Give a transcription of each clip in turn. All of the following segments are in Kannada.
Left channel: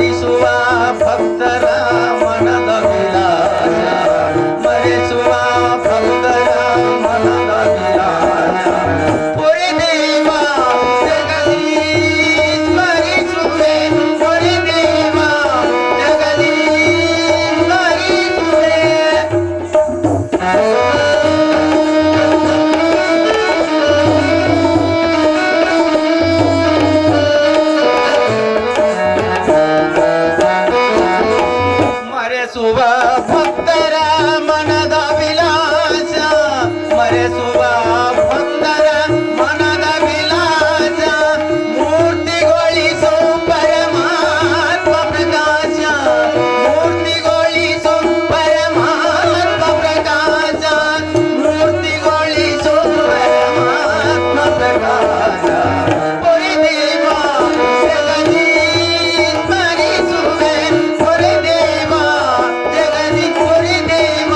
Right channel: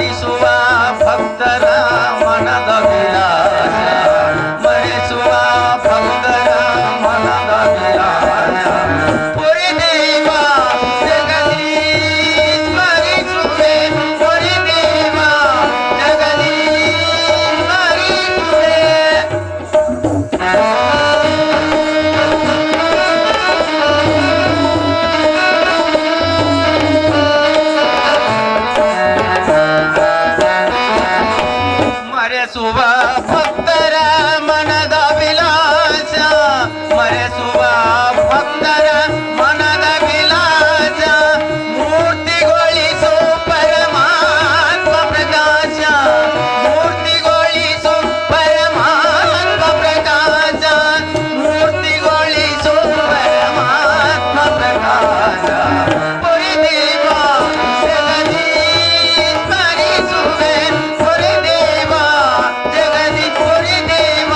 ಮರಿಸುವ ಭಕ್ತರ ಮನದ ವಿಲಾಸ ಮರಿಸುವ ಭಕ್ತರ ಮನದ ವಿಲಾಸ ಪುರಿ ದೇವ ಜಗದೀಶ್ ಮರಿಸುವೆ ಪುರಿ ದೇವ ಜಗದೀಶ್ ಮರಿಸುವೆ ಮರೆಸುವ ಭಕ್ತರ ಮನದ ವಿಲಾಸ ಮರೆಸುವ ಭಕ್ತರ ಮನದ ವಿಲಾಸ ಮೂರ್ತಿಗೊಳಿಸೋ ಪರಮಾತ್ಮ ಪ್ರಕಾಶ ಮೂರ್ತಿಗೊಳಿಸೋ ಪರಮಾತ್ಮ ಪ್ರಕಾಶ ಮೂರ್ತಿಗೊಳಿಸೋ ಪರಮಾತ್ಮ ಪ್ರಕಾಶ ಪುರಿ ದೇವ ಜಗದೀಶ್ ಮರಿಸುವೆ ಪುರಿ ದೇವ ಜಗದೀಶ್ ಪುರಿ ದೇವ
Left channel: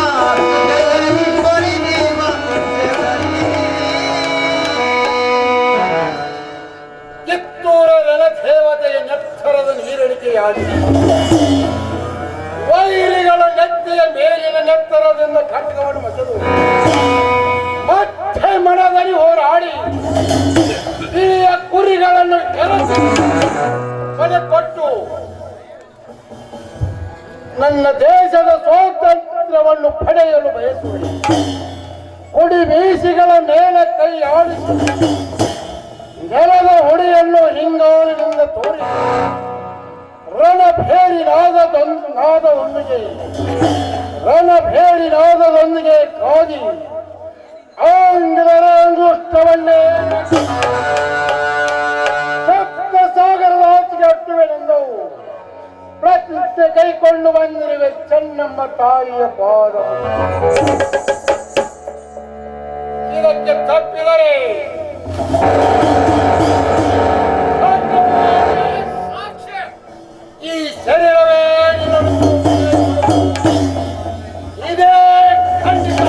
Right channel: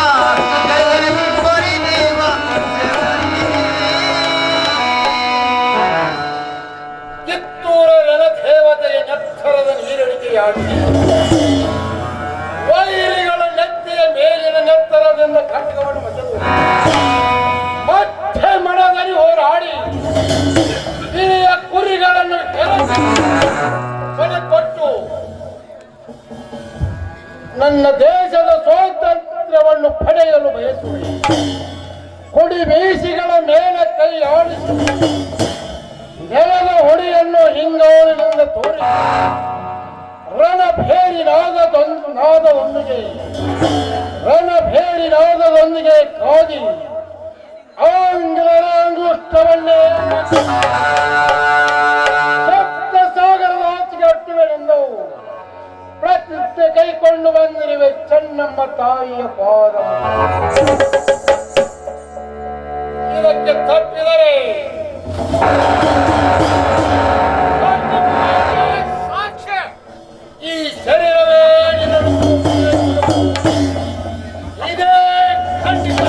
ಜಗದೀಶ್ ಪುರಿ ದೇವ ಕಿತ್ತೂರ ರಣದೇವತೆಯ ನೆತ್ತರದ ನೀರಡಿಕೆಯಾಗಿದೆ. ವೈರಿಗಳ ನೆತ್ತಿಯ ಮೇಲಿನ ನೆತ್ತರದಿಂದ ಖಡ್ಗವನ್ನು ಮಸೆದು ಮತ್ತೆ ಮನದಲ್ಲಿ ಹೋರಾಡಿ ಹಿರಿಯ ಕುರಿಗಳನ್ನು ಕೊಟ್ಟು ನನ್ನ ದೇಶದ ಸ್ವಾತಂತ್ರ್ಯವನ್ನು ಪಡೆಯಲು ಬಯಸುವೆ. ಕೊಡಿ ಮೀಸಿಗಳ ಮೇಲೆ ಕೈ ಆಡಿಸಿ ನೆಲದ ಹೊಡೆಯನ್ನು ಹಿಂಗಾಲಿನಿಂದ ತೋರಿ ರಣಭೇರಿ ನಾದದೊಂದಿಗೆ ಕಾದಿ ಆಂಗ್ಲರ ಅಂಗುಷ್ಟವನ್ನೇ ಸಪ್ತ ಸಾಗರದ ಆಚೆಗೆ ಅಟ್ಟುವೆನೆಂದು ಪ್ರತಿಜ್ಞೆ ಕೈಕೊಂಡು ಬಂದಿರುವೆ ಚೆನ್ನಮ್ಮ ತಾಯಿಯ ಪಾದ. ಇದಕ್ಕೆ ತಪ್ಪಿದರೆ ಈ ಶರೀರವೇ ಇದೇ ಖಂಡಿತ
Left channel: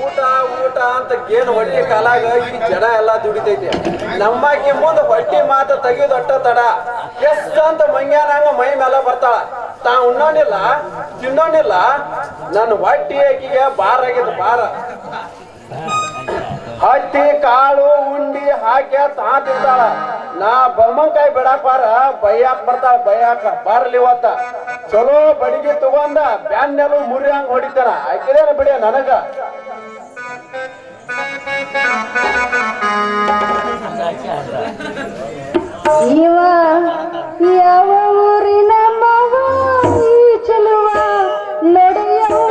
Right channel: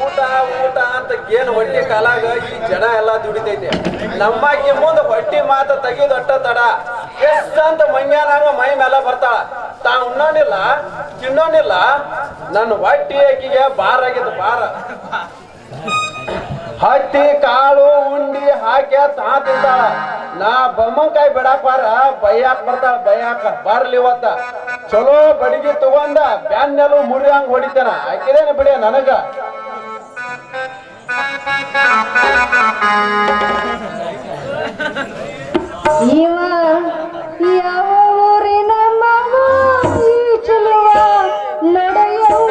ಊಟ ಅಂತ ಏನು ಹೊಟ್ಟಿ ಕಾಲಾಗ ಈ ಜನ ಎಲ್ಲಾ ದುಡಿತೈತಿ. ನಮ್ಮಾಕಿ ಮುಂದೆ ಹೊಟ್ಟಿ ಮಾತ ತೆಗೆದೊಟ್ಟ ತಡ ಎಷ್ಟಂತ ಮಂಗ್ಯಾನಂಗ ಮೈ ಮೇಲೆ ಬರ್ತಾಳ. ತಾ ಉಣ್ಣೋನಿಲ್ಲ ತಿನ್ನೋನಿಲ್ಲ. ನನ್ನ ಹೊಟ್ಟಿ ಆಕಿಗೆ ಬಾರ ಆಗಿದ್ದು ಬಾರ. ಹತ್ತಿ ಕಾಳು ಉಂಡಿ ಹಾಕ್ಯ ತಾ ತಿಂತಾಳ. ನಾ ಬೊಮ್ಮಂಕಾಯಿ ಬಿಡಾಕ್ ಬಾರ ಬೈಯಾಕ್ ಬರ್ತಾಳ. ಬೈಯಾಕ ಬಾರಲಿ ಇವತ್ತ ಚಲೋ ಬಡಿಗೆ ತಗೊಂಡ ಬ್ಯಾನ್ನೆಲ್ಲ ಮುರಿ ಹಂಗ ಹೊಡಿತಾನ. ಆಕಿದೇನ ಬಿಡಿ ನನಗ ಇವ ಯಾವ ಊರಿನ ಮಗ ಈ ಚೆಲುವ ನಡೆಯುವ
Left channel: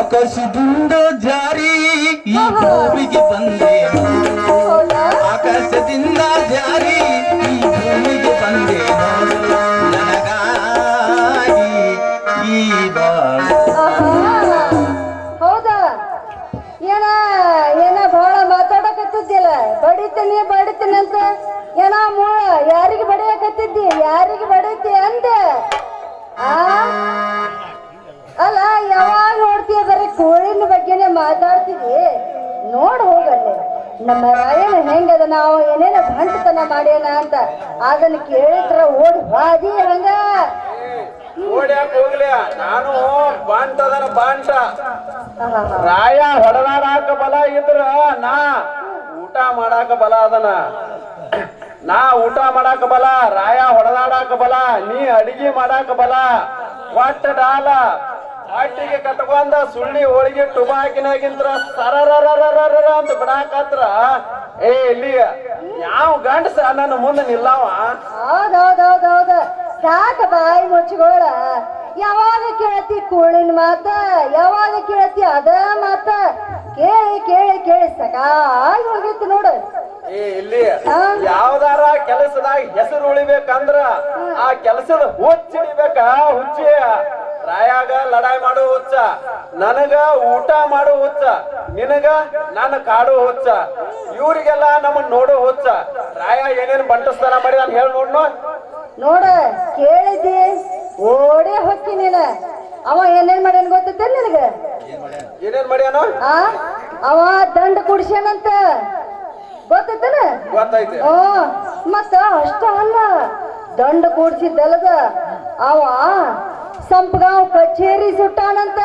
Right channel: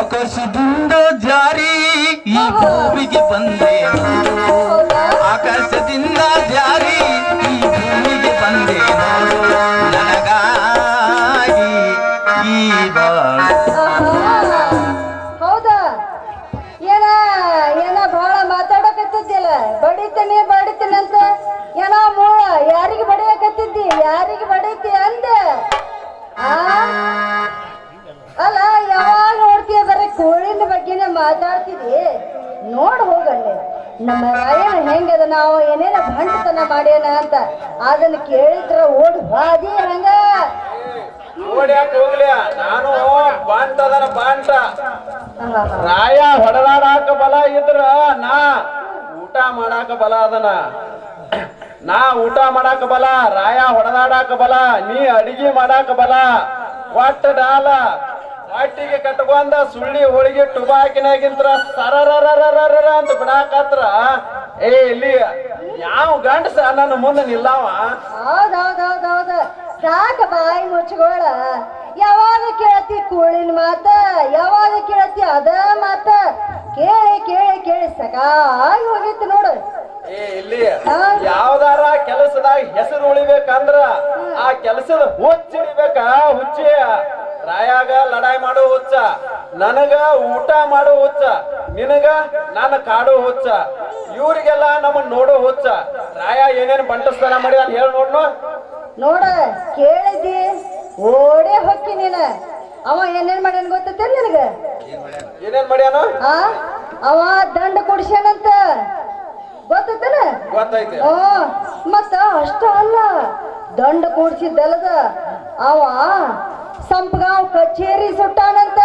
ಆಕಾಶದಿಂದ ಜಾರಿ ಈ ಭೂಮಿಗೆ ಬಂದೆ ಆಕಾಶದಿಂದ ಜಾರಿ ಈ ಭೂಮಿಗೆ ಬಂದೆ ನನಗಾಗಿ ಈ ಹೌದಾ ಏನ ಏನ ಬಹಳ ಮಾತಾಡಕತ್ತಿದ್ದಿಲ್ಲ. ಬಡಿತೀನಿ ಅಂತ ಏನ ಮೂಳ ಯಾರಿಗೆ ಬಡಿಯಕತ್ತಿದ್ದಿ ಯಾರಿಗೆ ಬಡೀತಿ ಅಂದೆ. ಅಲ್ಲ ಯಾವಾಗ ನೋಡ್ತೀಯ ಬರೀ ಕೋಳಿನ ಬಗ್ಗೆನೇ ಮಾತಾಡ್ತಿದ್ವಿ. ನೋಡ್ ಹೋಗಲ್ಲೇ ನಮ್ಮ ರಾಯಣ ಹೆಂಗದ ನಾವು ಏನೇನ ಭಂಟತನ ಮಾಡ್ಯಾನ ಅಂತ ಅದನ್ನ ಕೇಳಿದ್ರ ಓಡ್ ಬಾದಿ ಹಂಗ ಓಡ್ಯಾಕ ಹೋಗ್ಲಿ. ನಾನು ಬಾಂಟದನ ಬಾಂಟ ರಾಯ ಹೊಡೆದಾಡಾಕ ಬಲ ಇದ್ರ ನಾ ಊಟ ಮಾಡಾಕ ಬಲ ಅದನ. ನಾ ಊಟ ಮಾಡಾಕ ಬಲ ರಾಯ ಹೊಡೆದಾಡಾಕ ಬಲ ನೀ ಅಡಿಗೆ ಮಾಡಾಕ ಬಲ. ಒಟ್ಟ ಡಾಲ ಹೊಟ್ಟಿಗೆ ಕಟ್ಕೊಂಡ ಸುಳ್ಳಿ ಹೋಳಿಗೆ ಟುಬಾಕಿನಾಗಿಂತ್ರ ಸರರರರರ ಅಂತ ಬಿಡಾಕತ್ರ ಇಲ್ಲಿ ಯಾವ ಗಂಡಸ ನನ್ನ ಮುಂದೆ ನಿಲ್ಲವ. ಹೌದೌದೌದೌದ ಸಾಕ ಬಾಯಿ ಮುಚ್ಚಿಗೋಳ. ಯಾವಾಗ ಕೇಳತಿ ಕೋಳಿನ ಮಾತ ಯಾವಾಗ ಕೇಳತಿ ಅದ ಮಾತ ಕೇಳಿ ಕೇಳಿ ಕೇಳಿ ಸಾಕಾಗಿ ಹೋಗೈತಿ ನೋಡು. ಇಲ್ಲಿ ಯಾವ್ದಾರ ಕೆಲಸದಾಗ ಹೆಸರು ಉಳಿಬೇಕಂದ್ರ ಆ ಕೆಲಸದ ಹುಚ್ಚಿಡಿಬೇಕ. ಹುಚ್ಚಿ ರಾಯಾಗ ಲಡಾಯಿ ಮಾಡೋ ಹುಚ್ಚ ನನಗ ಊಟ ಮಾಡೋ ಹುಚ್ಚ, ನಿನಗ ನನ್ನ ಕಾಡೋ ಹುಚ್ಚ, ಇವ್ರಿಗೆಲ್ಲ ನಮ್ಮನ್ನ ನೋಡೋ ಹುಚ್ಚ. ರಾಯ ಏನೇನ್ ಬಂಟಸ್ತಾನ ಮಾಡಿ ನಾನು ಹೇಳಿ ನೋಡ್ನು. ನೋಡ ಕೇಳಿದ್ದಿ ಓಡೇ ಹೊಕ್ಕಿ ನೀನ. ಅವ ಏನೇನ್ ಮಾಡ್ಯಾನ ಗೊತ್ತೈತೆ ನಿನಗ? ಏನೇನ್ ಮಾಡ್ಯಾನು? ಆ ಅವ ದಂಡ ಕುಡಿಸ್ಯಾನಂತ ಗೊತ್ತೈತನ? ಗೊತ್ತೈತಿ. ಮತ್ತ ಅಷ್ಟ ಅಲ್ಲ, ದಂಡ ಕೂಡ್ಸಿದ್ದಲ್ಲದ ಅವ ಸಂಪಗಾಂವ್ ಕಚೇರಿ ಸುಟ್ಟಾನಂತ.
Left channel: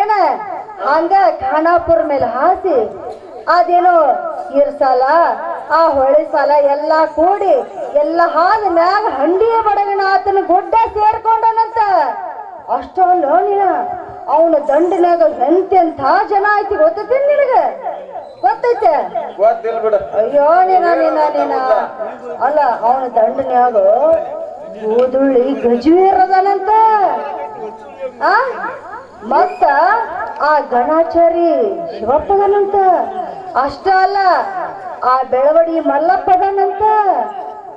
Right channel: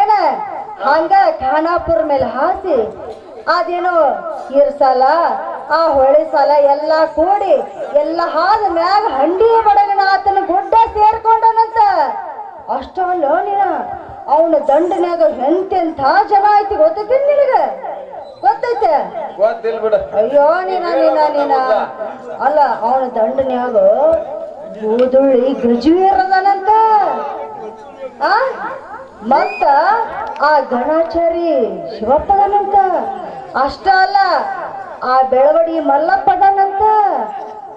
ಏನ ಹಂಗ ಖಾನಾಪುರ ಮೇಲೆ ಹಾಸಿ ಅದೇನೋ ಇರ್ಸಾಲ ಆ ಹೊಳೆ ಸಾಲ ಎಲ್ಲ ಕೂಡಿ ಎಲ್ಲ ಹಾದ ಮ್ಯಾಗ ಹಂಡಿಯ ಬಡಗನ ಆತನ ಗುಡ್ಡ ಸೇರ್ಕೊಂಡನಂತ. ಅಷ್ಟವಲ್ಲ ನೀನ, ಅವನ ದಂಡಿನಾಗ ಎಂತೆಂಥ ಜನ ಐತಿ ಗೊತ್ತೈತಿ ನಿನಗ? ಗೊತ್ತೈತೆ? ಗೊತ್ತಿಲ್ಲ ಬಿಡ. ಅಯ್ಯೋ ನೀನ ಅಲ್ಲ, ಅವನ ದಂಡನ್ಯಾಗ ಕೂದುಳ್ಳಿ ಗಜವೀರದನಂತ. ಆ ಮತ್ತ ಆ ಗಣಾಚಾರಿ ಶಿವಪ್ಪದನಂತ. ಅಷ್ಟ ಅಲ್ಲ, ಆ ಬೆಳವಡಿ ಮಲ್ಲಪ್ಪದನಂತ.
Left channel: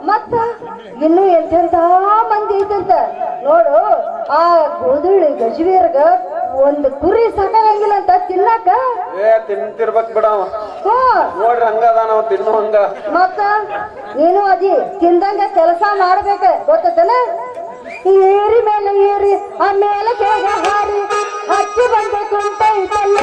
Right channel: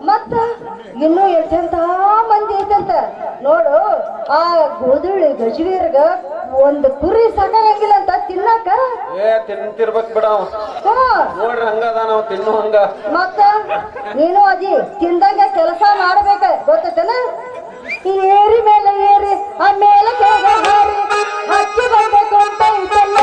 ಮತ್ತ ಇನ್ನು ಎಂತೆಂಥ ಮಂದಿ ಐತಂತ ನೋಡು. ಆ ಗೋಧುಳಿ ಗಜವೀರ್ಗ ಒಂದು ಕುರಿ ಸಾಕಾಗಂಗಿಲ್ಲ ಅಂತ ತಿನ್ನಕ. ತಿಂತಿರ್ಬೇಕ್ ಬಿಡ. ನೋಡ್ರಿ ಹಂಗದ ನಾವು ತಿನ್ನು ಹಂಗ. ಮತ್ತ ನೀನು ಅದಿ ತಿಂದಂಗ ಕೆಲಸ ಮಾಡ್ಬೇಕ ಗೊತ್ತೇನ? ಏರಿ ಮೇಲೆ ಏರಿ ಆ ಮೇಲೆ ಕೆಳಗೆ ಹಾರಿ ಹಕ್ಕಿ ಬಂದಬೇಕು ಅಂತ ಐತಲ್ಲ.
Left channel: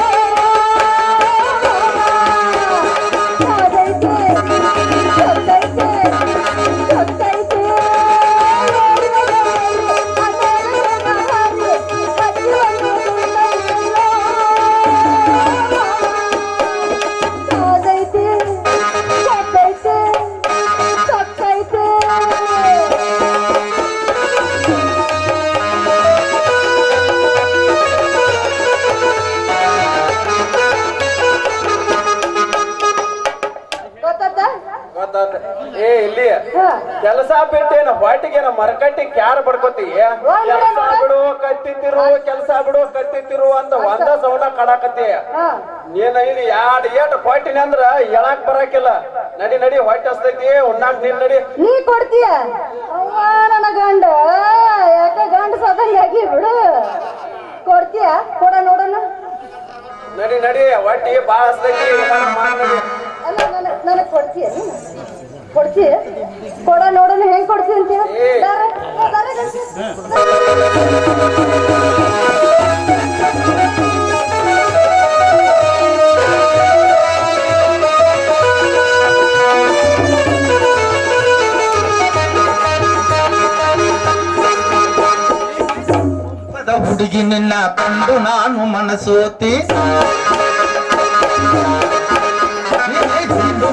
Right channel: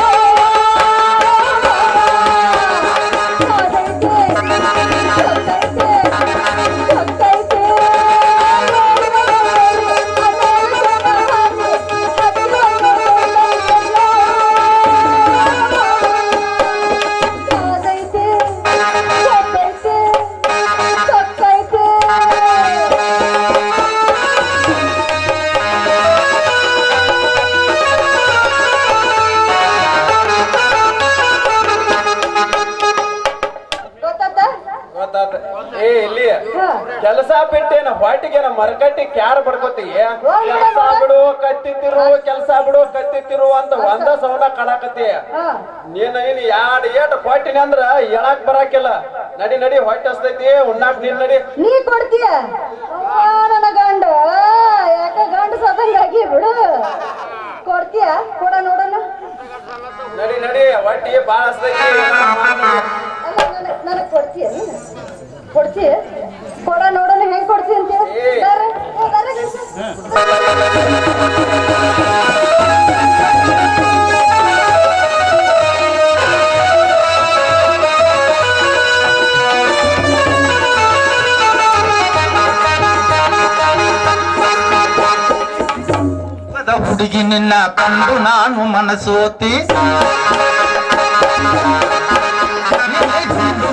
ಕೆಲಸ ಬಿಟ್ಟೇನ ಹೊಟ್ಟಿಗೇನ ಮರಕಟ್ಟಿ ಕ್ಯಾರ ಬಡ್ಕೋತಿ. ಕೆಲಸ ಬಿಡು ಕತ್ತಿತ್ತಿರು, ಕೆಲಸ ಬಿಡು ಕತ್ತಿತ್ತಿರು ಅಂತ ಒಂದ ಸೌಂಡ ಕಡಾಕತಿ. ನೀನ ಇಲ್ಲಿ ಯಾಡ್ ಏಟ್ ಹೊಟ್ಟಿನ ಅಂದ್ರ ಹೇಳಕ್ ಬರಾಕಿಲ್ಲ. ನಡಿ ನಡಿ ಹೊಟ್ಟೆ ಹಸ್ತೈತಿ, ಉಣ್ಣಾಕ್ ನೀನ್ ನಡಿ. ನೀ ಕೊಡ್ತೀಯ ನನ್ನ ಗಂಡ? ಯಾಕ ಗಂಡ ಸದಂಗಾಗಿ ಬಿಡು. ಕೊಡ್ತೀಯ? ಕೊಡ ನೋಡೋಣ. ನಡಿ ನಡಿ, ಹೊಟ್ಟಿ ಬಾಳ ಹಸ್ತೈತಿ. ಅಲ್ಲ ನನಗ್ ಕೊಡ್ತೀಯ? ಕೊಡ್ತೀಯ? ಕೊಡ ನೋಡೋಣ ಹೆಂಗ್ ಕೊಡ್ತೀಯ ಅಂತೀಯ? ಹುಡುಗಿ ನಿನ್ನ ಕಂಡು ನಾನು ಮನಸೋತಿ,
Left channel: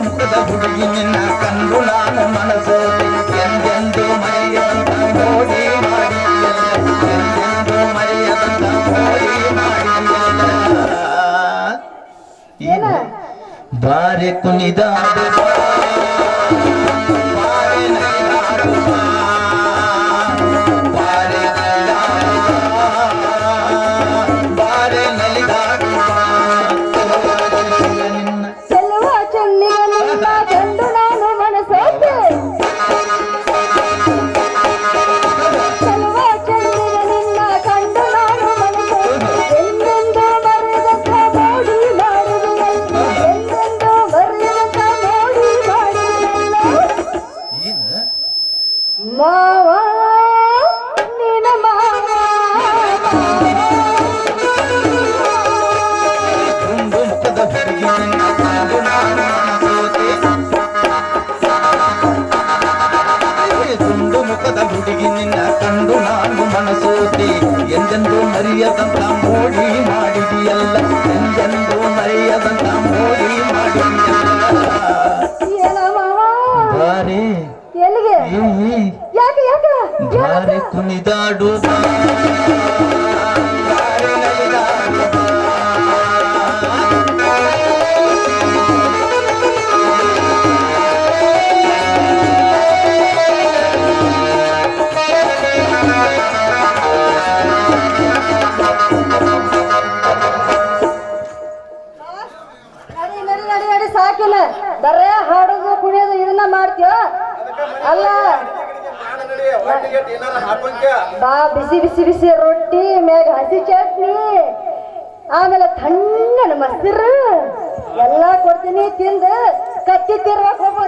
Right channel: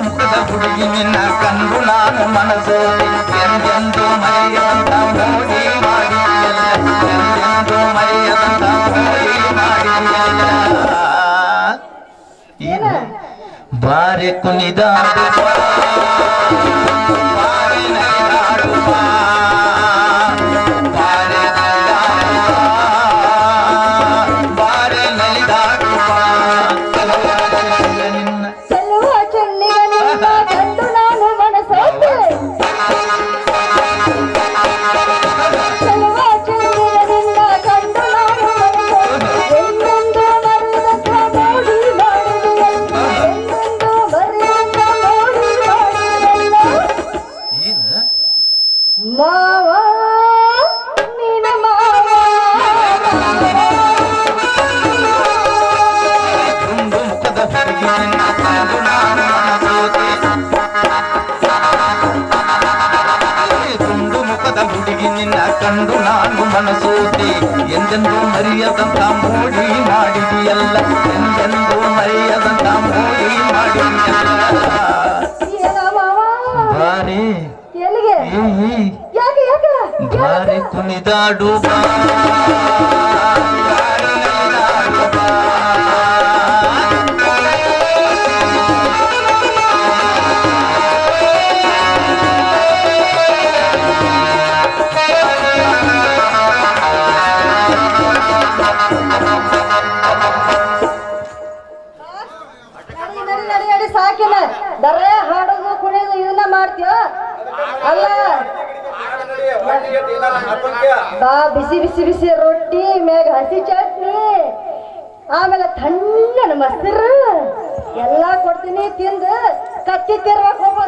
ಮುಖದ ಹುಡುಗಿ ನಿನ್ನ ಕಂಡು ನಾನು ಮನಸೋತಿ. ಎಂದೆಂದು ಮರೆಯದಂತ ಮೋಡಿ ಮಾಡಿಯಲ್ಲ, ಎಂದೆಂದು ಮರೆಯದಂತ ಮೋಡಿ ಮಾಡಿಯಲ್ಲ. ಬಾರೆ ಕುಣಿದಾಡು ಬಾರೆ ನಲಿದಾಡು ಬಾರೆ ಬಾರೆ ನಲಿದಾಡು ನಿನ್ನ ಚೆಲ್ಲುವ ಚೆನ್ನಿನ ಕಂಡು ನಾನು ಮನಸೋತೆ. ಚೆಲ್ಲುವ ಚೆನ್ನಿನ ಕಂಡು ನಾನು ಮನಸೋತೆ. ಎಂದೆಂದು ಮರೆಯದಂತ ಮೋಡಿ ಮಾಡಿದೆಯಲ್ಲ, ಎಂದೆಂದು ಮರೆಯದಂತ ಮೋಡಿ ಮಾಡಿದೆಯಲ್ಲ. ಮಾವ ನಿನ ಮಾವ ದುಂಡು ಮುಖದ ಹುಡುಗಿ ನಿನ್ನ ಕಂಡು ನಾನು ಮನಸೋತೆ. ದುಂಡು ಮುಖದ ಹುಡುಗಿ ನಿನ್ನ ಕಂಡು ನಾನು ಮನಸೋತೆ. ಎಂದೆಂದು ಮರೆಯದಂತ ಮೋಡಿ ಮಾಡಿದೆಯಲ್ಲ, ಎಂದೆಂದು ಮರೆಯದಂತ ಮೋಡಿ ಮಾಡಿದೆಯಲ್ಲ. ಏನ ಮಾವ? ಬಾರೆ ಎಲ್ಲಿಗೆ? ಯಾಕೆ ಬಾರೆ ಕುಣಿದಾಡು ಬಾ, ಬಾರೆ ನಲಿದಾಡು ಬಾ. ನಡಿ ಸಾಕಿನ ಬರೇ ಹಾಡೋದು ಕುಣಿಯೋದು ಇದನ್ನ ಮಾಡ್ತೀಯ ಅಲ್ಲ? ಬಾ ಬಿಸಿ ಬಿಸಿ ಬಿಸಿ ರೊಟ್ಟಿ ಮ್ಯಾಗ ಹಸಿ ಚಟ್ನಿ ಆಮೇಲೆ ತಣ್ಣನ ಮೊಸರು ಎಲ್ಲಾ ಕೊಡ್ತೀನಿ ತಿಂದು ಕತ್ತಿ ತಿರ್ವಾಕ್ ಹೋಗು